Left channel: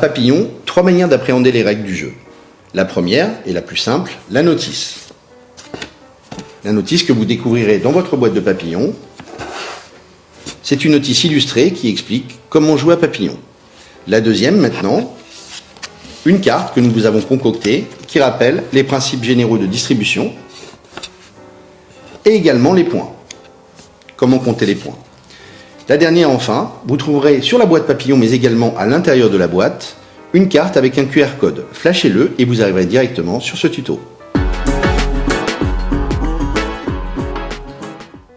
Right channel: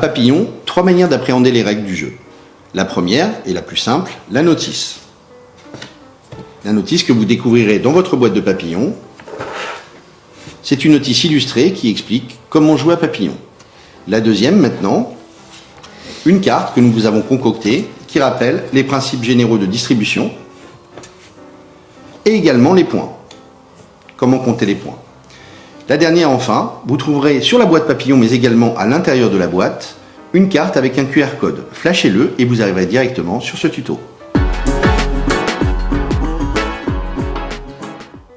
Papillon, 3 manières d'appréhender les règles du jeu. La première, et la plus simple, la notice. La notice que vous découvrirez dans votre boîte de Papillon. C'est une notice illustrée qui explique comment jouer à Papillon. La deuxième, maintenant, une carte que nous vous avons concoctée qui rappelle les principes généraux de distribution et également les points. Comment compter les points. La dernière, enfin, vous trouverez sur la boîte Papillon, mais également à l'intérieur de la boîte, une carte avec un QR code. Flashez-le et vous arriverez directement sur ce tuto.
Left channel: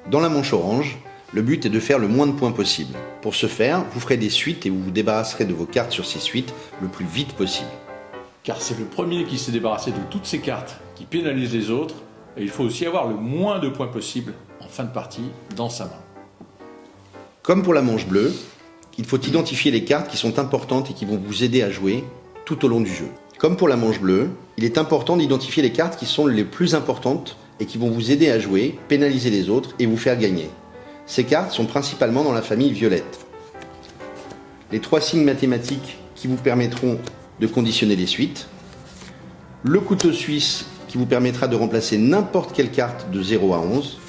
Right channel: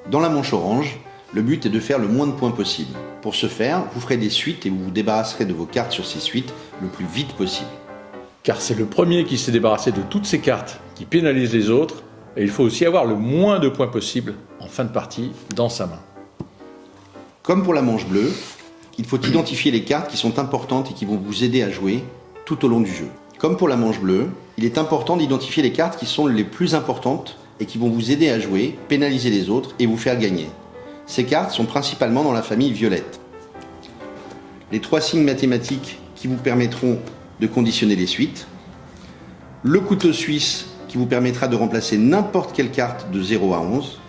Dans la manche orange, le but est de faire le moins de points possible. Pour ce faire, vous ferez des suites et vous vous débarrasserez de vos cartes sur ces suites le plus vite possible. Car c'est le premier qui s'est débarrassé de toutes ces cartes qui pénalisent les autres, et il faut aussi avoir le moins de points possible en fin de partie dans sa main. Comme pour la manche bleue, il faut identifier les cartes qui sont importantes et qui vont vous aider à jouer tout au long du jeu. Comme pour la manche bleue, il est important d'identifier les cartes qui sont les plus importantes et qui vont vous aider à jouer, pénaliser les autres et vous faire gagner. Ces cartes sont principalement dans la famille violette. Les 3 signes mathématiques qui vous permettront de conditionner les suites. Le couteau suisse qui vous permettra de remplacer n'importe quelle carte de 0 à 11.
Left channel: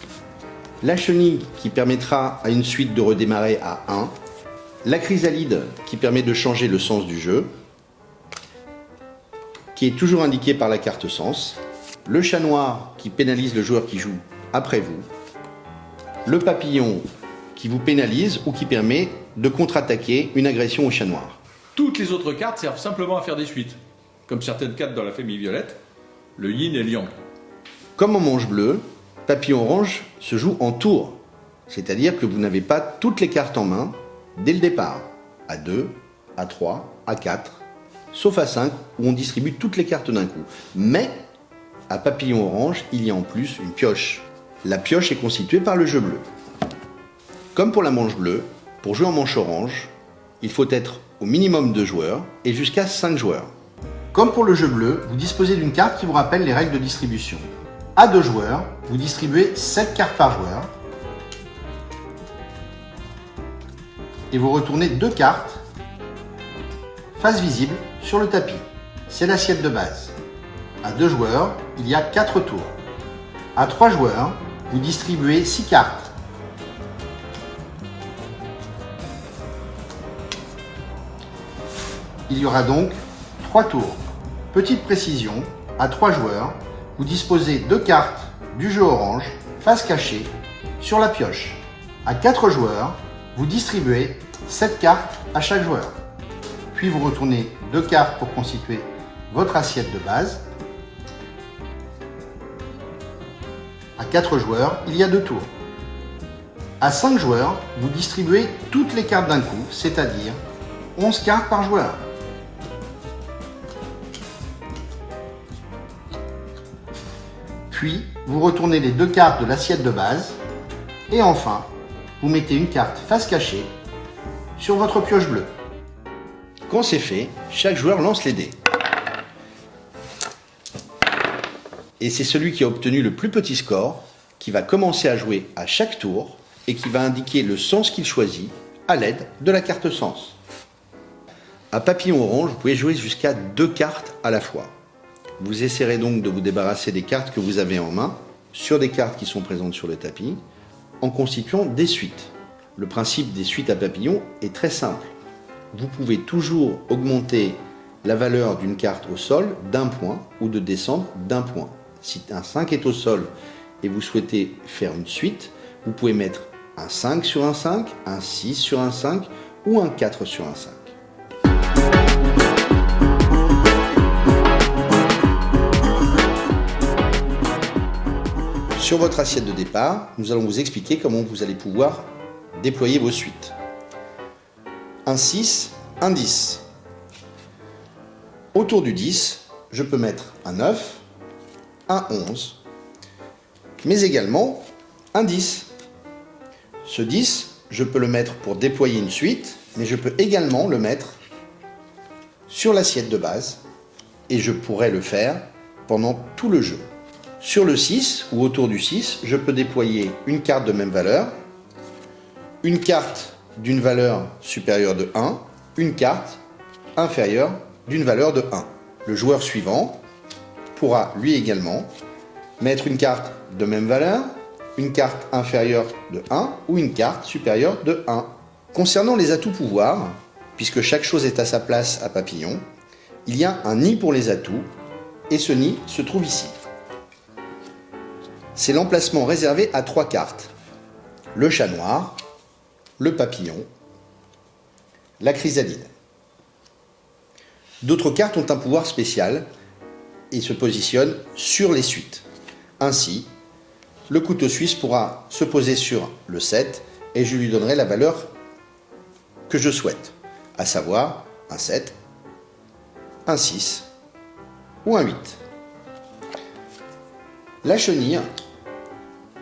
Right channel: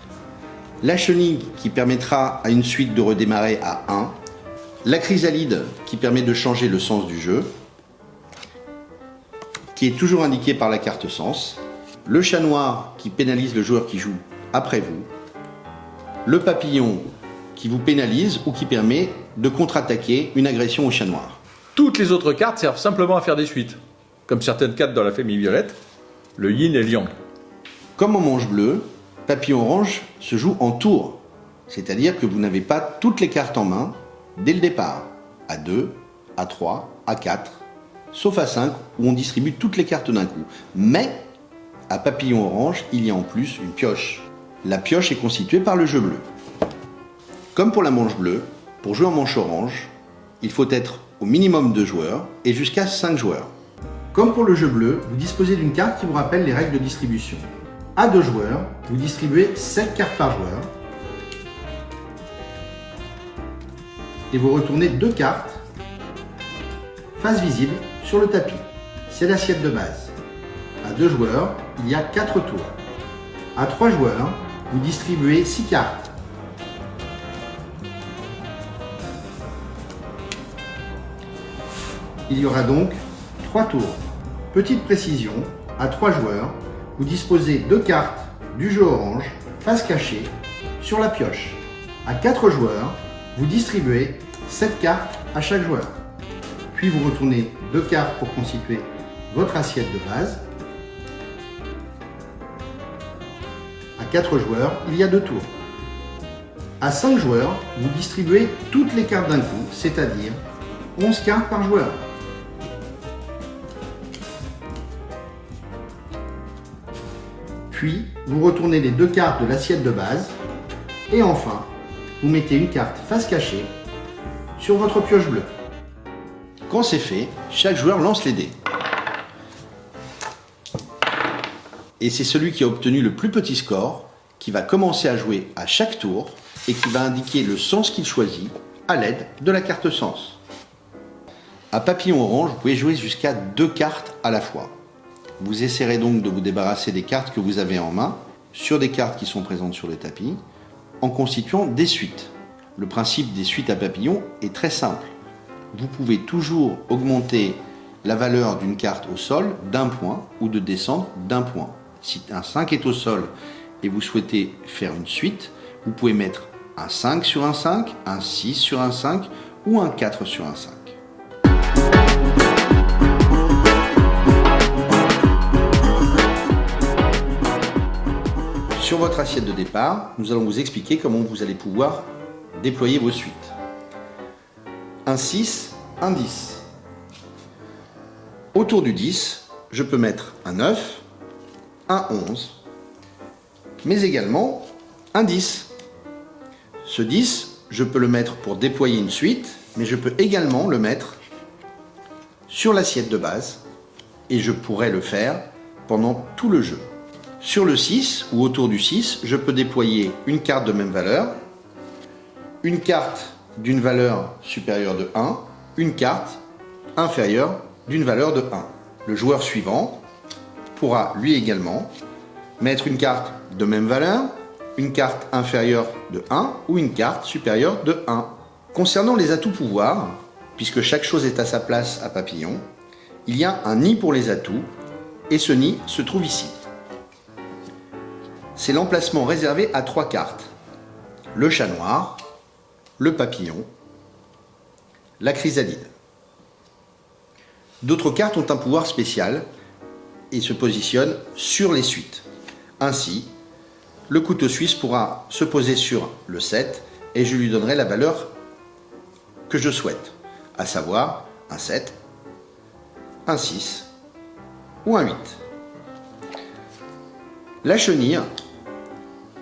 La chenille qui permettra à une suite de redémarrer à 1. La chrysalide qui permet de changer le sens du jeu, qui est toujours indiqué par la carte sens. Le chat noir qui pénalise le joueur qui joue après vous. Le papillon qui vous pénalise ou qui permet de contre-attaquer une agression au chat noir. Toutes les autres cartes servent simplement à faire des suites, comme certaines cartes dans la famille violette, le yin et le yang. Comme en manche bleue, Papillon orange se joue en tour, c'est-à-dire que vous n'avez pas toutes les cartes en main dès le départ, à 2, à 3, à 4, sauf à 5 où on distribue toutes les cartes d'un coup. Mais à Papillon orange, il y a en plus une pioche. La pioche est constituée par le jeu bleu. Comme pour la manche bleue, pour jouer en manche orange, il faut être au minimum 2 joueurs et jusqu'à 5 joueurs. Comme pour le jeu bleu, vous disposez d'une carte qui vous rappelle les règles de distribution. À 2 joueurs, vous distribuez 7 cartes par joueur et vous retournez 2 cartes face visible sur le tapis. C'est l'assiette de base. À 2 joueurs, il y a 4 tours. À 3 joueurs, vous distribuez 6 cartes. Il y aura donc 3 tours. Petite précision, à 3 joueurs, vous disposez 2 cartes du jeu orange, face cachée, sur la pioche. À 4 joueurs, vous distribuez 7 cartes à chaque joueur. Puis vous retournez 2 cartes pour constituer votre assiette de base. À 4 joueurs, il y a 2 tours. À 5 joueurs, vous distribuez toutes les cartes d'un coup, c'est-à-dire 11 cartes par joueur. Puis, vous retournez les 2 cartes de l'assiette de base. Et enfin, vous mettez une carte face cachée sur votre pioche bleue. Quand c'est fait, chaque joueur lance les dés. Et c'est celui qui a obtenu le plus petit score qui va commencer à jouer à chaque tour et qui va indiquer le sens qu'il choisit à l'aide de la carte sens. À Papillon orange, vous pouvez jouer jusqu'à 2 cartes à la fois. Vous essaierez donc de vous débarrasser des cartes que vous avez en main sur des cartes qui sont présentes sur le tapis en constituant des suites. Le principe des suites à papillon est très simple. Vous pouvez toujours augmenter la valeur d'une carte au sol d'1 point ou de descendre d'1 point. Si un 5 est au sol et vous souhaitez faire une suite, vous pouvez mettre un 5 sur un 5, un 6 sur un 5 ou un 4 sur un 5. Sur votre assiette de départ, nous allons vous expliquer comment vous allez pouvoir déployer vos suites. Un 6, un 10. Autour du 10, je peux mettre un 9, un 11, mais également un 10. Ce 10, je peux le mettre pour déployer une suite, mais je peux également le mettre sur l'assiette de base et je pourrais le faire pendant tout le jeu. Sur le 6 ou autour du 6, je peux déployer une carte de même valeur, une carte d'une valeur supérieure de 1, une carte inférieure d'une valeur de 1. Le joueur suivant pourra lui également mettre une carte de même valeur, une carte inférieure de 1 ou une carte supérieure de 1. Concernant les atouts pouvoirs, puisque chaque chose est à sa place à Papillon, il y a un nid pour les atouts et ce nid se trouve ici. C'est l'emplacement réservé à 3 cartes. Le chat noir, le papillon, la chrysalide. D'autres cartes ont un pouvoir spécial et se positionnent sur les suites. Ainsi, le couteau suisse pourra se poser sur le 7 et je lui donnerai la valeur que je souhaite, à savoir un 7, un 6 ou un 8. La chenille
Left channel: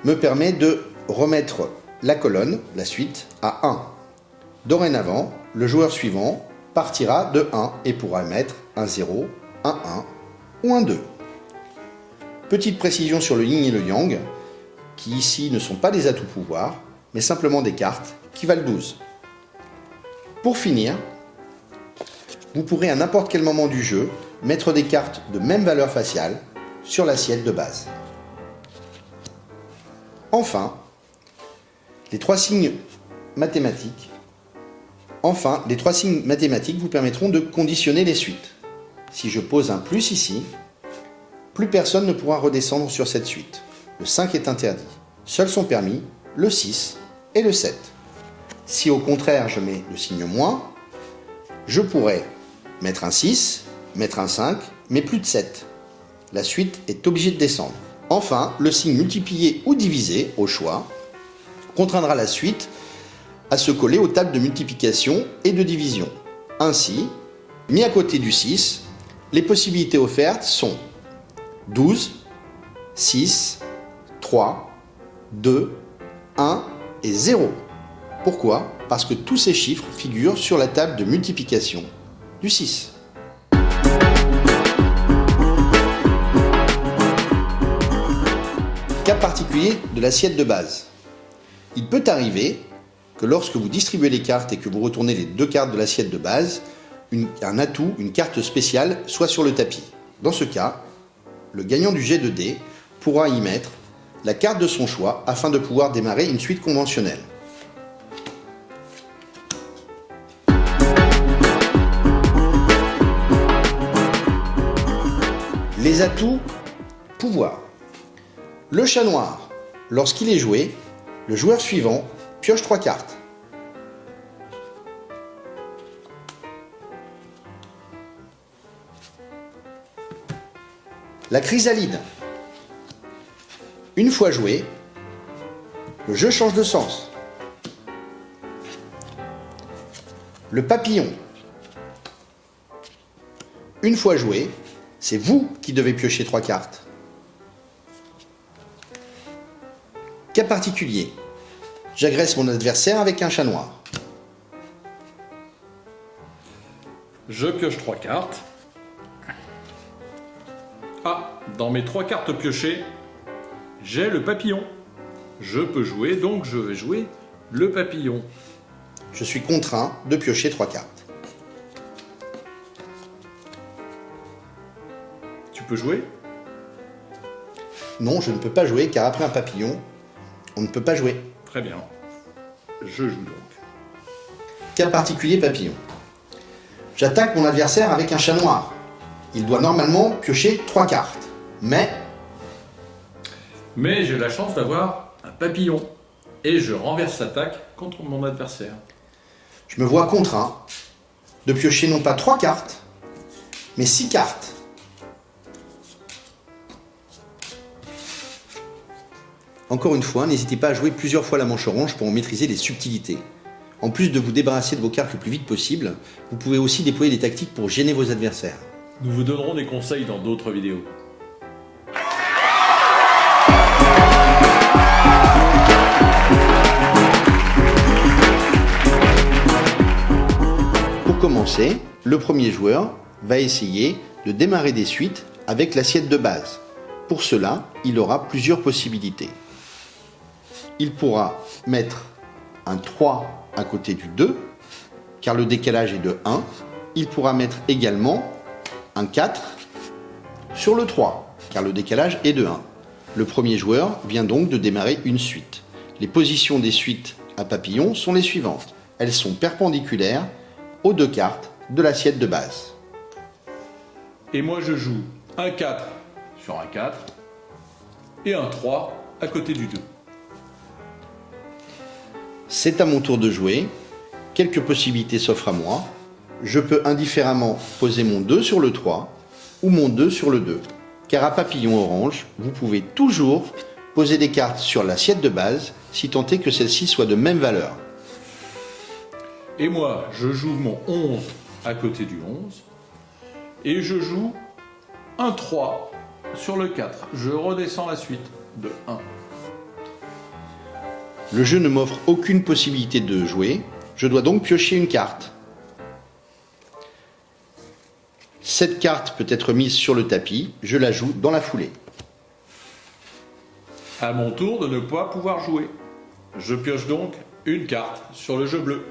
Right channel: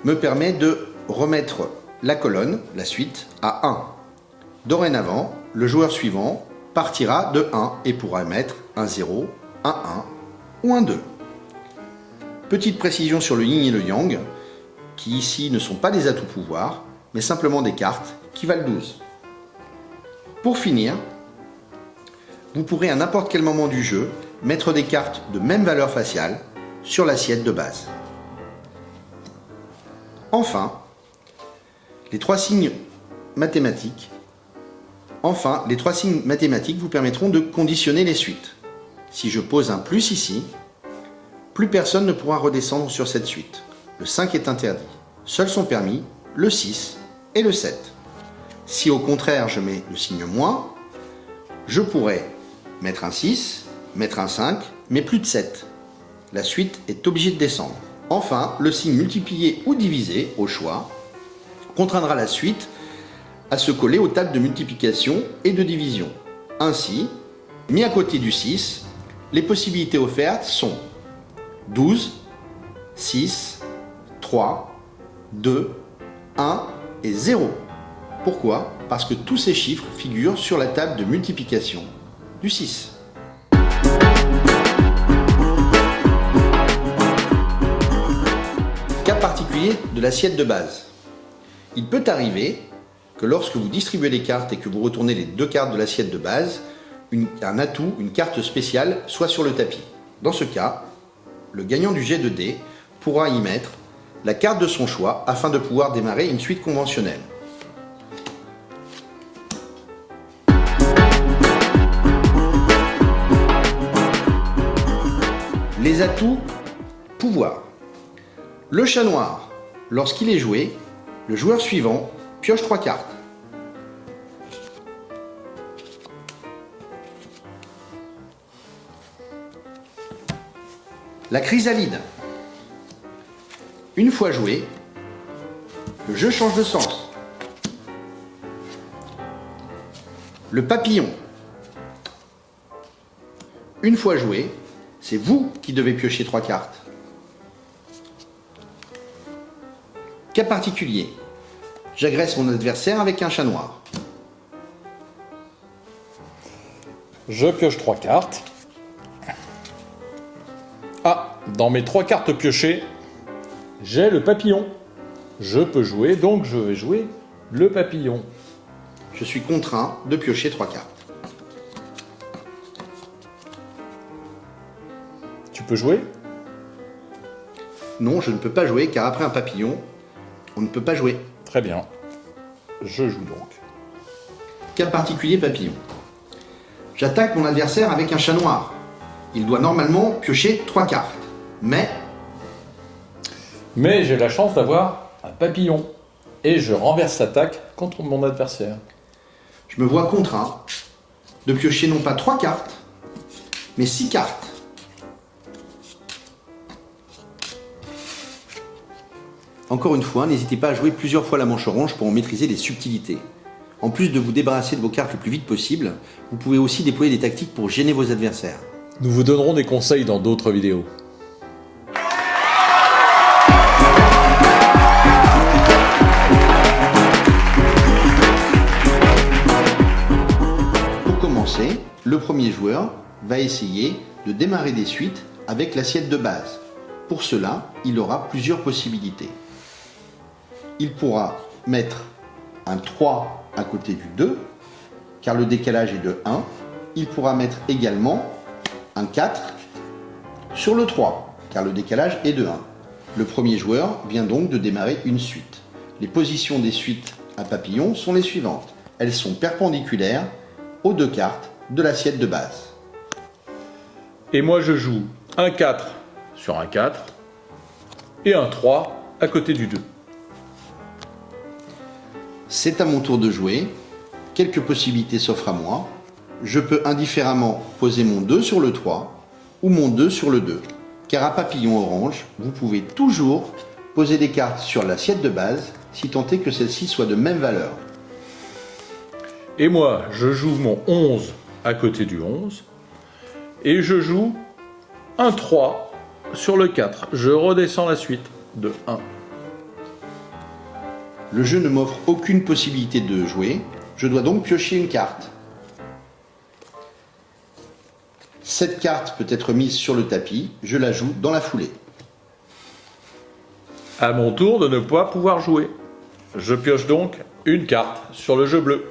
me permet de remettre la colonne, la suite, à 1. Dorénavant, le joueur suivant partira de 1 et pourra mettre un 0, un 1 ou un 2. Petite précision sur le yin et le yang, qui ici ne sont pas des atouts pouvoirs, mais simplement des cartes qui valent 12. Pour finir, vous pourrez à n'importe quel moment du jeu mettre des cartes de même valeur faciale sur l'assiette de base. Enfin, les trois signes mathématiques vous permettront de conditionner les suites. Si je pose un plus ici, plus personne ne pourra redescendre sur cette suite. Le 5 est interdit. Seuls sont permis le 6 et le 7. Si au contraire je mets le signe moins, je pourrais mettre un 6, mettre un 5, mais plus de 7. La suite est obligée de descendre. Enfin, le signe multiplié ou divisé, au choix, contraindra la suite à se coller aux tables de multiplication et de division. Ainsi, mis à côté du 6, les possibilités offertes sont 12, 6, 3, 2, 1 et 0. Pourquoi ? Parce que tous ces chiffres figurent sur la table de multiplication du 6. Cas particulier de l'assiette de base. Il peut arriver que lorsque vous distribuez les cartes et que vous retournez les 2 cartes de l'assiette de base, un atout, une carte spéciale soit sur le tapis. Dans ce cas, le gagnant du jet de dés pourra y mettre la carte de son choix afin de pouvoir démarrer une suite conventionnelle. Les atouts pouvoir. Le chat noir, lorsqu'il est joué, le joueur suivant pioche 3 cartes. La chrysalide. Une fois joué, le jeu change de sens. Le papillon. Une fois joué, c'est vous qui devez piocher 3 cartes. Cas particulier. J'agresse mon adversaire avec un chat noir. Je pioche 3 cartes. Ah, dans mes 3 cartes piochées, j'ai le papillon. Je peux jouer, donc je vais jouer le papillon. Je suis contraint de piocher 3 cartes. Tu peux jouer ? Non, je ne peux pas jouer car après un papillon, on ne peut pas jouer. Très bien. Je joue donc. Cas particulier papillon. J'attaque mon adversaire avec un chat noir. Il doit normalement piocher 3 cartes. Mais j'ai la chance d'avoir un papillon. Et je renverse l'attaque contre mon adversaire. je me vois contraint de piocher non pas 3 cartes, mais 6 cartes. Encore une fois, n'hésitez pas à jouer plusieurs fois la manche orange pour en maîtriser les subtilités. En plus de vous débarrasser de vos cartes le plus vite possible, vous pouvez aussi déployer des tactiques pour gêner vos adversaires. Nous vous donnerons des conseils dans d'autres vidéos. Pour commencer, le premier joueur va essayer de démarrer des suites avec l'assiette de base. Pour cela, il aura plusieurs possibilités. Il pourra mettre un 3 à côté du 2, car le décalage est de 1, il pourra mettre également un 4 sur le 3, car le décalage est de 1. Le premier joueur vient donc de démarrer une suite. Les positions des suites à papillon sont les suivantes. Elles sont perpendiculaires aux 2 cartes de l'assiette de base. Et moi je joue un 4 sur un 4 et un 3 à côté du 2. C'est à mon tour de jouer. Quelques possibilités s'offrent à moi. Je peux indifféremment poser mon 2 sur le 3 ou mon 2 sur le 2. Car à papillon orange, vous pouvez toujours poser des cartes sur l'assiette de base si tant est que celle-ci soit de même valeur. Et moi je joue mon 11 à côté du 11 et je joue un 3 sur le 4. Je redescends la suite de 1. Le jeu ne m'offre aucune possibilité de jouer. Je dois donc piocher une carte. Cette carte peut être mise sur le tapis. Je la joue dans la foulée. À mon tour de ne pas pouvoir jouer. Je pioche donc une carte sur le jeu bleu.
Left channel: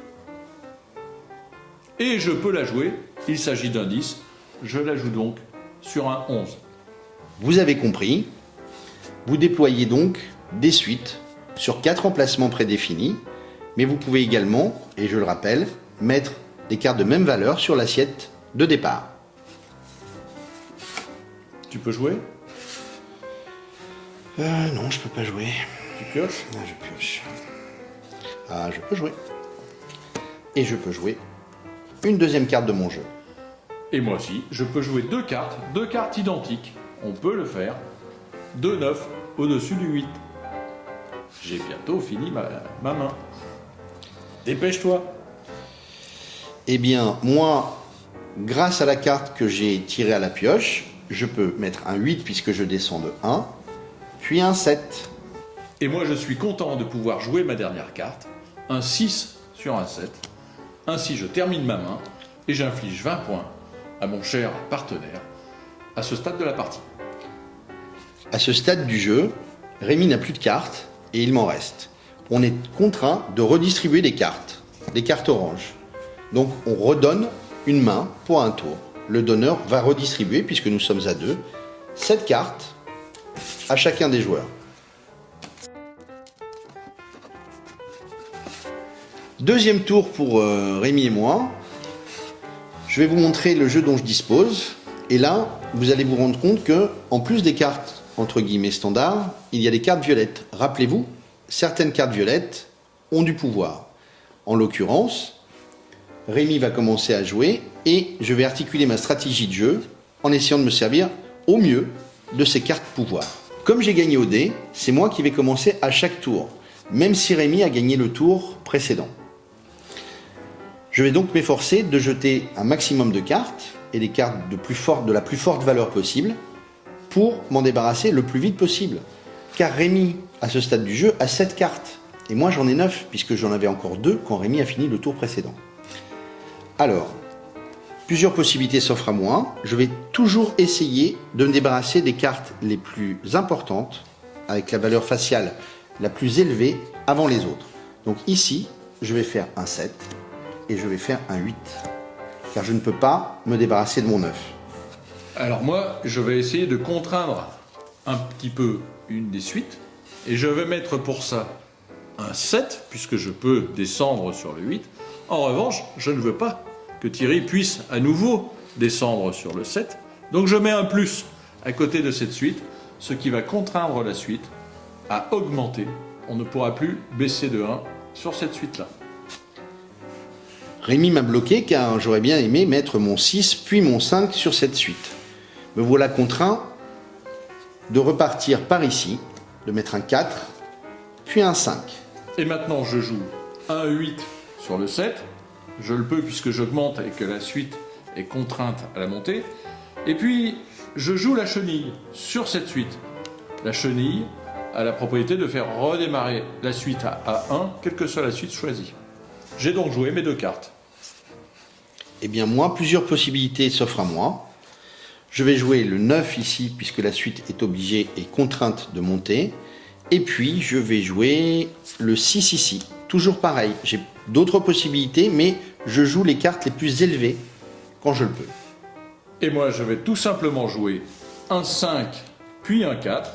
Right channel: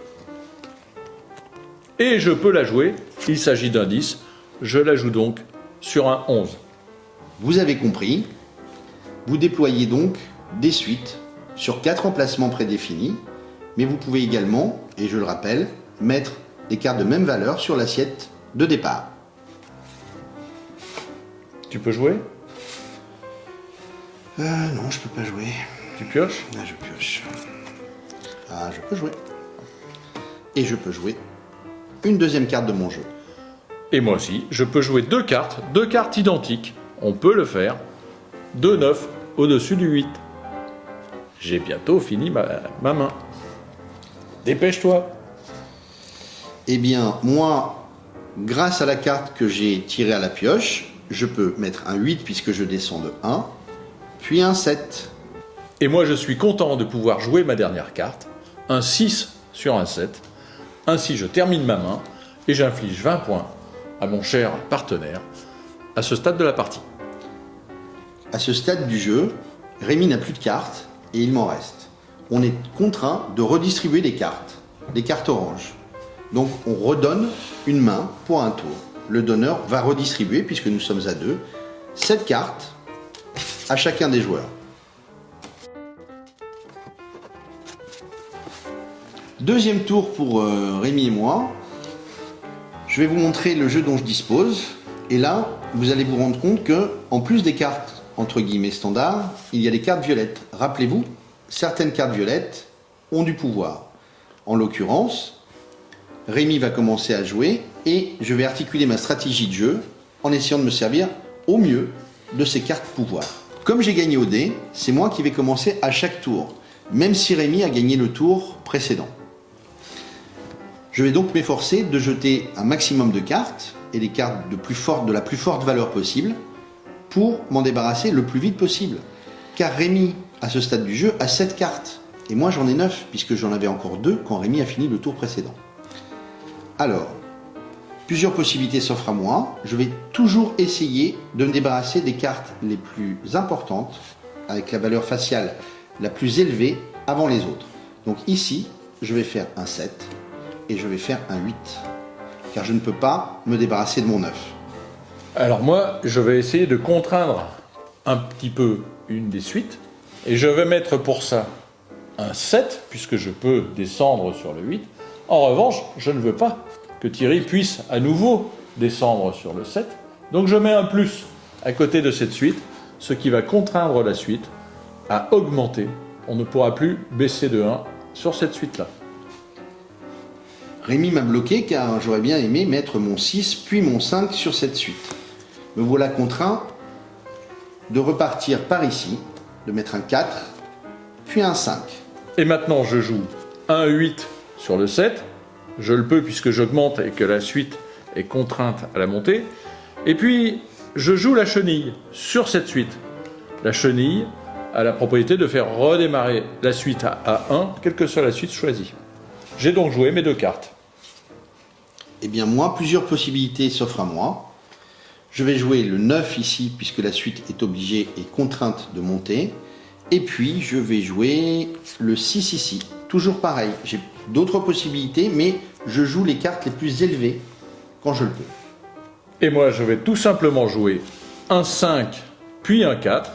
Et je peux la jouer. Il s'agit d'un 10. Je la joue donc sur un 11. Vous avez compris. Vous déployez donc des suites sur 4 emplacements prédéfinis. Mais vous pouvez également, et je le rappelle, mettre des cartes de même valeur sur l'assiette de départ. Tu peux jouer? Non, je peux pas jouer. Tu pioches? Là, je pioche. Ah, je peux jouer. Et je peux jouer une deuxième carte de mon jeu. Et moi aussi, je peux jouer deux cartes identiques. On peut le faire. 2 9 au-dessus du 8. J'ai bientôt fini ma main. Dépêche-toi. Eh bien, moi, grâce à la carte que j'ai tirée à la pioche, je peux mettre un 8 puisque je descends de 1, puis un 7. Et moi, je suis content de pouvoir jouer ma dernière carte, un 6 sur un 7. Ainsi, je termine ma main et j'inflige 20 points à mon cher partenaire à ce stade de la partie. À ce stade du jeu, Rémi n'a plus de cartes et il m'en reste. On est contraint de redistribuer les cartes oranges. Donc on redonne une main pour un tour. Le donneur va redistribuer, puisque nous sommes à 2, 7 cartes à chacun des joueurs. Deuxième tour pour Rémi et moi. Je vais vous montrer le jeu dont je dispose. Et là, vous allez vous rendre compte que, en plus des cartes entre guillemets standards, il y a des cartes violettes. Rappelez-vous, certaines cartes violettes ont du pouvoir. En l'occurrence, Rémi va commencer à jouer et je vais articuler ma stratégie de jeu en essayant de me servir au mieux de ces cartes pouvoir. Comme j'ai gagné au dé, c'est moi qui vais commencer à chaque tour, même si Rémi a gagné le tour précédent. Je vais donc m'efforcer de jeter un maximum de cartes et des cartes de la plus forte valeur possible pour m'en débarrasser le plus vite possible. Car Rémi, à ce stade du jeu, a 7 cartes. Et moi j'en ai 9, puisque j'en avais encore 2 quand Rémi a fini le tour précédent. Alors, plusieurs possibilités s'offrent à moi. Je vais toujours essayer de me débarrasser des cartes les plus importantes, avec la valeur faciale la plus élevée avant les autres. Donc ici, je vais faire un 7 et je vais faire un 8. Car je ne peux pas me débarrasser de mon 9. Alors moi, je vais essayer de contraindre un petit peu une des suites. Et je vais mettre pour ça un 7, puisque je peux descendre sur le 8. En revanche, je ne veux pas que Thierry puisse à nouveau descendre sur le 7. Donc je mets un plus à côté de cette suite, ce qui va contraindre la suite à augmenter. On ne pourra plus baisser de 1 sur cette suite-là. Rémi m'a bloqué car j'aurais bien aimé mettre mon 6 puis mon 5 sur cette suite. Me voilà contraint de repartir par ici, de mettre un 4, puis un 5. Et maintenant je joue un 8 sur le 7. Je le peux puisque j'augmente et que la suite est contrainte à la montée. Et puis je joue la chenille sur cette suite. La chenille a la propriété de faire redémarrer la suite à 1, quelle que soit la suite choisie. J'ai donc joué mes 2 cartes. Eh bien moi, plusieurs possibilités s'offrent à moi. Je vais jouer le 9 ici, puisque la suite est obligée et contrainte de monter. Et puis, je vais jouer le 6 ici. Toujours pareil, j'ai d'autres possibilités, mais je joue les cartes les plus élevées quand je le peux. Et moi, je vais tout simplement jouer un 5, puis un 4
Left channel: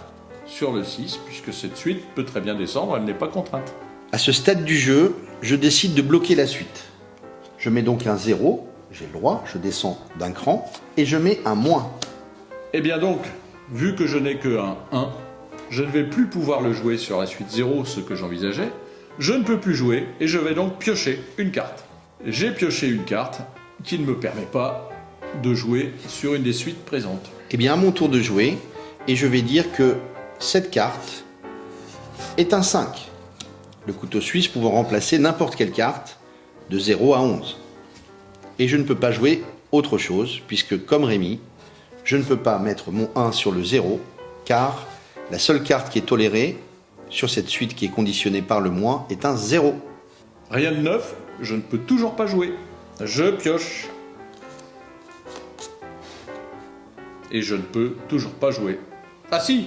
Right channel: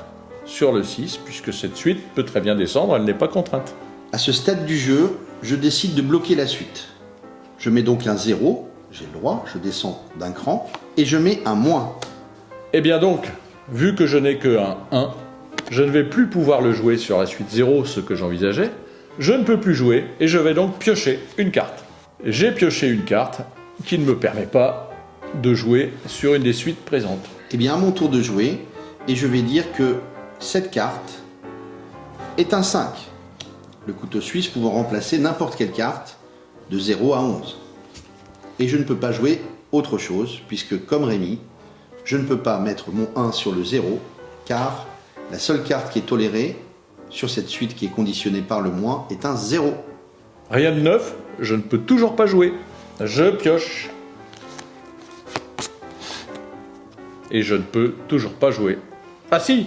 sur le 6, puisque cette suite peut très bien descendre, elle n'est pas contrainte. À ce stade du jeu, je décide de bloquer la suite. Je mets donc un 0, j'ai le droit, je descends d'un cran, et je mets un moins. Et bien donc, vu que je n'ai que un 1, je ne vais plus pouvoir le jouer sur la suite 0, ce que j'envisageais. Je ne peux plus jouer, et je vais donc piocher une carte. J'ai pioché une carte qui ne me permet pas de jouer sur une des suites présentes. Eh bien, à mon tour de jouer, et je vais dire que cette carte est un 5. Le couteau suisse pouvant remplacer n'importe quelle carte de 0 à 11. Et je ne peux pas jouer autre chose, puisque comme Rémi, je ne peux pas mettre mon 1 sur le 0, car la seule carte qui est tolérée sur cette suite qui est conditionnée par le moins est un 0. Rien de neuf, je ne peux toujours pas jouer. Je pioche. Et je ne peux toujours pas jouer. Ah si,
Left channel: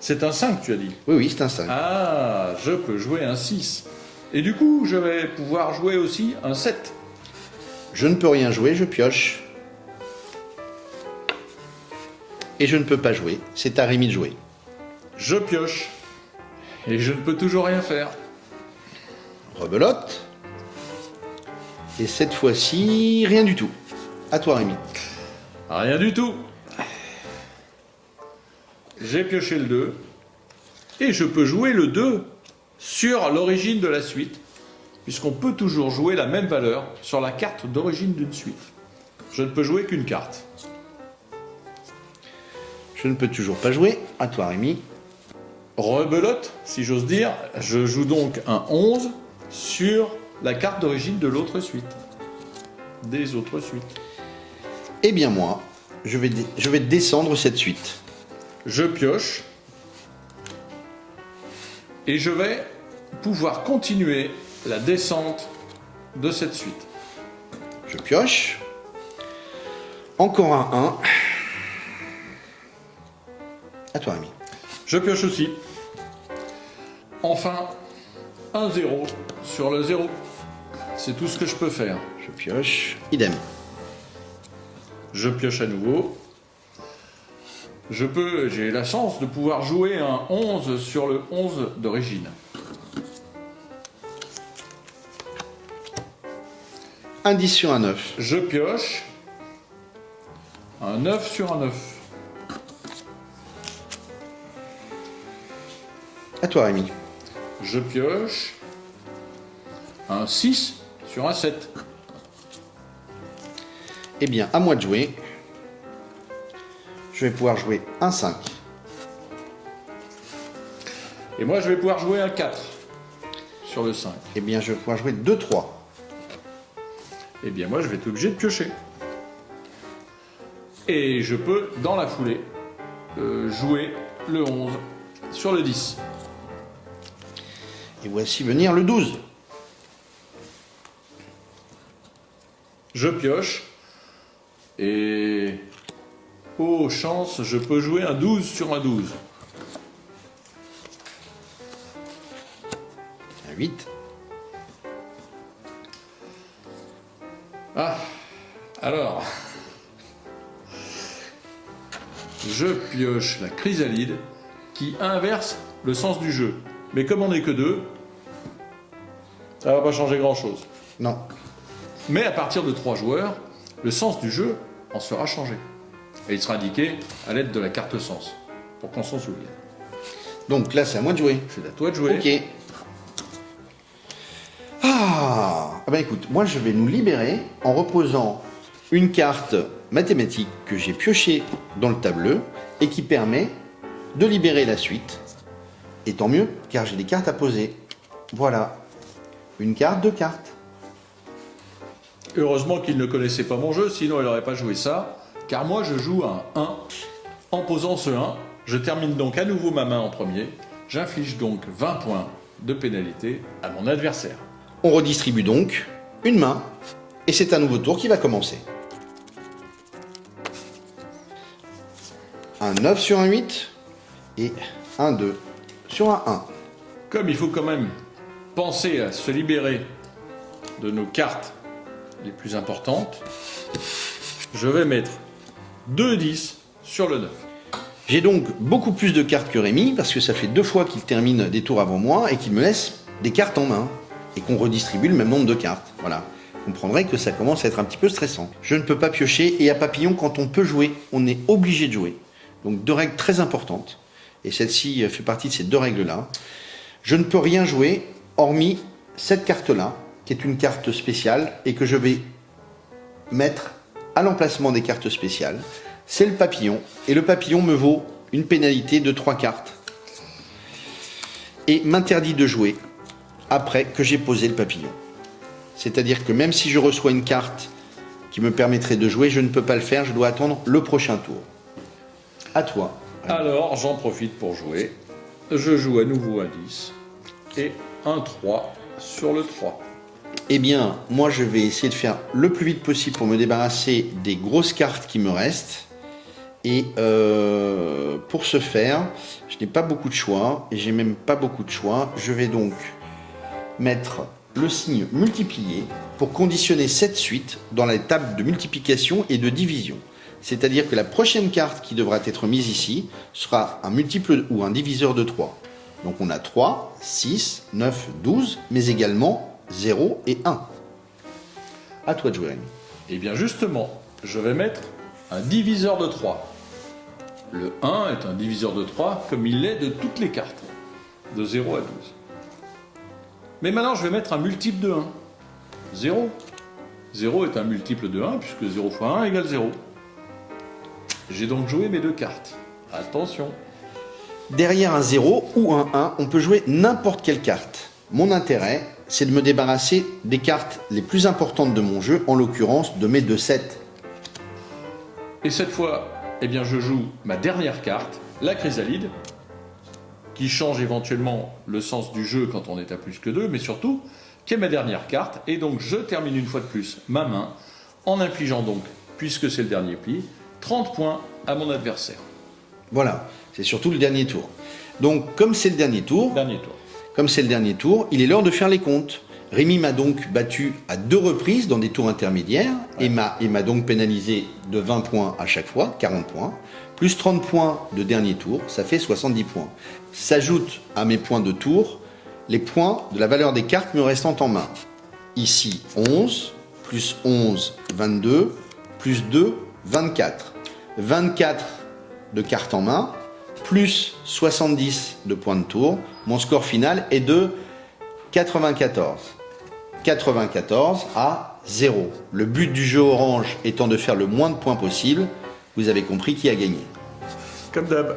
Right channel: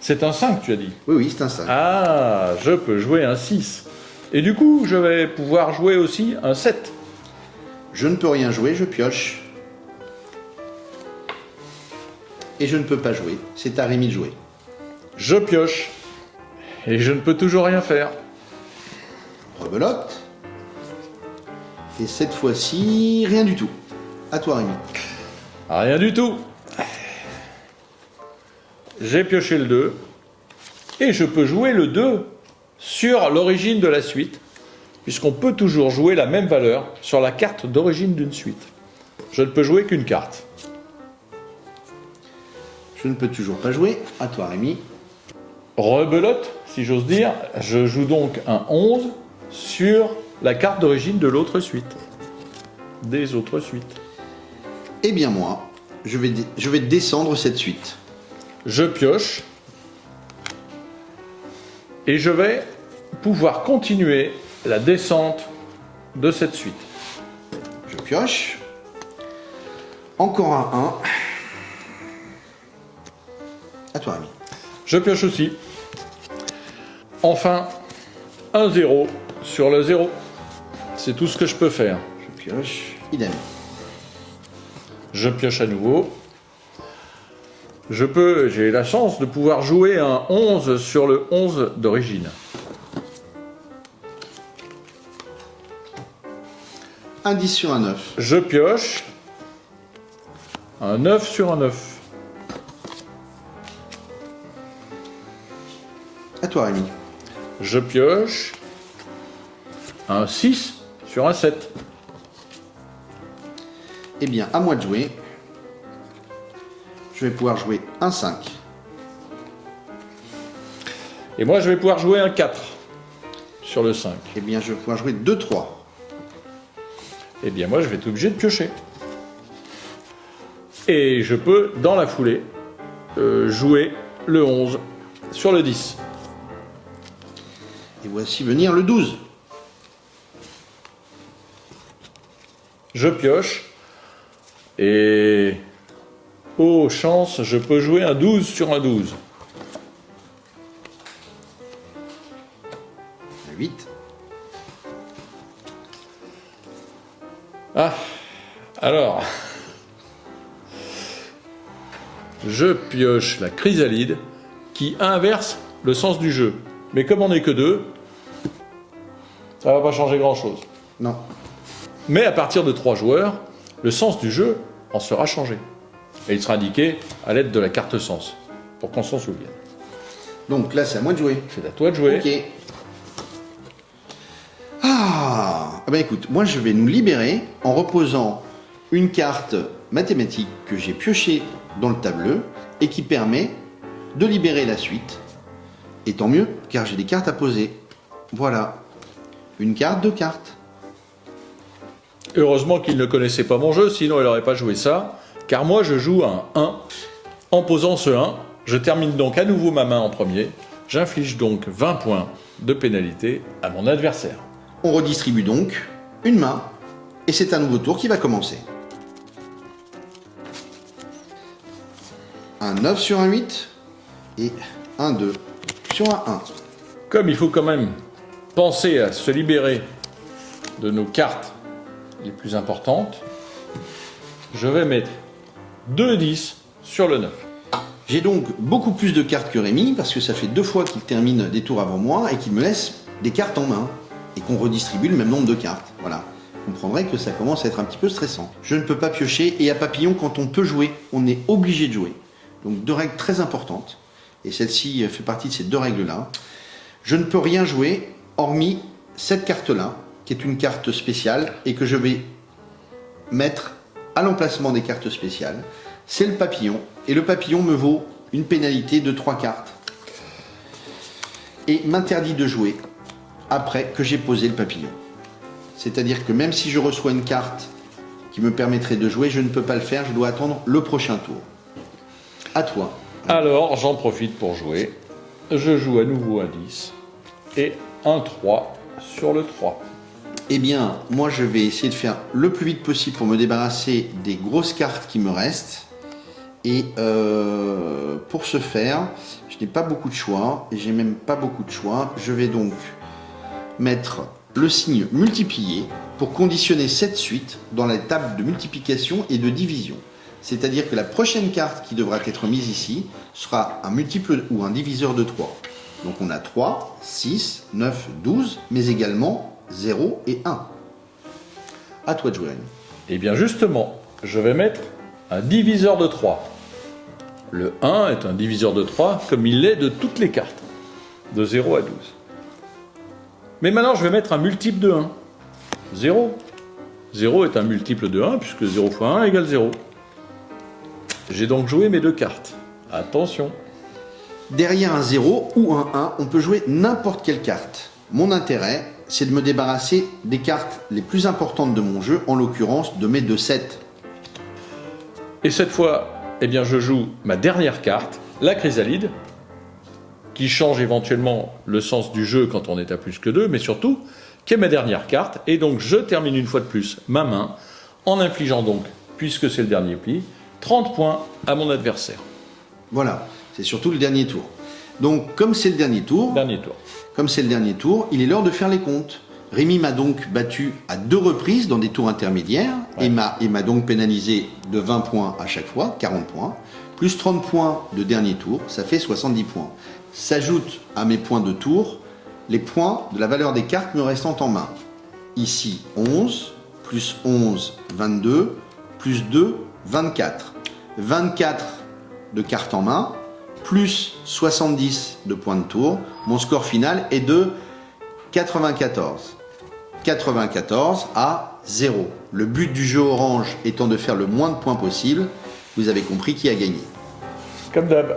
c'est un 5 tu as dit. Oui, c'est un 5. Ah, je peux jouer un 6. Et du coup, je vais pouvoir jouer aussi un 7. Je ne peux rien jouer, je pioche. Et je ne peux pas jouer, c'est à Rémi de jouer. Je pioche. Et je ne peux toujours rien faire. Rebelote. Et cette fois-ci, rien du tout. À toi, Rémi. Rien du tout. J'ai pioché le 2. Et je peux jouer le 2 sur l'origine de la suite, puisqu'on peut toujours jouer la même valeur sur la carte d'origine d'une suite. Je ne peux jouer qu'une carte. Je ne peux toujours pas jouer. À toi, Rémi. Rebelote, si j'ose dire. Je joue donc un 11 sur la carte d'origine de l'autre suite. Des autres suites. Eh bien, moi, je vais descendre cette suite. Je pioche. Et je vais pouvoir continuer la descente de cette suite. Je pioche. Encore un 1. À toi, Rémi. Je pioche aussi. Enfin, un 0 sur le 0. C'est tout ce que je peux faire. Je pioche. Idem. Je pioche à nouveau. J'ai la chance de pouvoir jouer un 11 sur le 11 d'origine. Un 10 sur un 9. Je pioche. Un 9 sur un 9. À toi, Rémi. Je pioche. Un 6 sur un 7. Eh bien, à moi de jouer. Je vais pouvoir jouer un 5. Et moi, je vais pouvoir jouer un 4 sur le 5. Eh bien, je vais pouvoir jouer 2-3. Eh bien, moi, je vais être obligé de piocher. Et je peux, dans la foulée, jouer le 11 sur le 10. Et voici venir le 12. Je pioche. Et... oh, chance, je peux jouer un 12 sur un 12. 8. Ah, alors... je pioche la chrysalide qui inverse le sens du jeu. Mais comme on n'est que deux, ça va pas changer grand-chose. Non. Mais à partir de 3 joueurs, le sens du jeu en sera changé. Et il sera indiqué à l'aide de la carte sens, pour qu'on s'en souvienne. Donc là, c'est à moi de jouer. C'est à toi de jouer. Ok. Ah ben écoute, moi je vais nous libérer en reposant une carte mathématique que j'ai piochée dans le tableau et qui permet de libérer la suite. Et tant mieux, car j'ai des cartes à poser. Voilà. Une carte, 2 cartes. Heureusement qu'il ne connaissait pas mon jeu, sinon il n'aurait pas joué ça. Car moi je joue un 1. En posant ce 1, je termine donc à nouveau ma main en premier. J'inflige donc 20 points de pénalité à mon adversaire. On redistribue donc une main et c'est un nouveau tour qui va commencer. Un 9 sur un 8 et un 2 sur un 1. Comme il faut quand même penser à se libérer de nos cartes les plus importantes, je vais mettre 2 10 sur le 9. J'ai donc beaucoup plus de cartes que Rémi, parce que ça fait 2 fois qu'il termine des tours avant moi et qu'il me laisse des cartes en main, et qu'on redistribue le même nombre de cartes. Voilà. Vous comprendrez que ça commence à être un petit peu stressant. Je ne peux pas piocher, et à papillon, quand on peut jouer, on est obligé de jouer. Donc 2 règles très importantes, et celle-ci fait partie de ces 2 règles-là. Je ne peux rien jouer, hormis cette carte-là, qui est une carte spéciale, et que je vais mettre à l'emplacement des cartes spéciales. C'est le papillon, et le papillon me vaut une pénalité de 3 cartes, et m'interdit de jouer après que j'ai posé le papillon. C'est-à-dire que même si je reçois une carte qui me permettrait de jouer, je ne peux pas le faire, je dois attendre le prochain tour. À toi. Alors, j'en profite pour jouer. Je joue à nouveau un 10 et un 3 sur le 3. Eh bien, moi je vais essayer de faire le plus vite possible pour me débarrasser des grosses cartes qui me restent. Et pour ce faire, je n'ai pas beaucoup de choix, et j'ai même pas beaucoup de choix. Je vais donc mettre le signe multiplié pour conditionner cette suite dans la table de multiplication et de division. C'est-à-dire que la prochaine carte qui devra être mise ici sera un multiple ou un diviseur de 3. Donc on a 3, 6, 9, 12, mais également 0 et 1. À toi de jouer. Et bien justement, je vais mettre un diviseur de 3. Le 1 est un diviseur de 3 comme il l'est de toutes les cartes, de 0 à 12. Mais maintenant, je vais mettre un multiple de 1. 0. 0 est un multiple de 1, puisque 0 fois 1 égale 0. J'ai donc joué mes 2 cartes. Attention. Derrière un 0 ou un 1, on peut jouer n'importe quelle carte. Mon intérêt, c'est de me débarrasser des cartes les plus importantes de mon jeu, en l'occurrence de mes 2 7. Et cette fois, eh bien, je joue ma dernière carte, la chrysalide, qui change éventuellement le sens du jeu quand on est à plus que 2, mais surtout, qui est ma dernière carte. Et donc, je termine une fois de plus ma main, en infligeant donc, puisque c'est le dernier pli, 30 points à mon adversaire. Voilà, c'est surtout le dernier tour. Donc, comme c'est le dernier tour, il est l'heure de faire les comptes. Rémi m'a donc battu à 2 reprises dans des tours intermédiaires, ouais. et m'a donc pénalisé de 20 points à chaque fois, 40 points, plus 30 points de dernier tour, ça fait 70 points. S'ajoutent à mes points de tour les points de la valeur des cartes me restant en main. Ici 11, plus 11, 22, plus 2, 24. 24 de cartes en main, plus 70 de points de tour. Mon score final est de 94. 94 à 0. Le but du jeu orange étant de faire le moins de points possible, vous avez compris qui a gagné. Comme d'hab.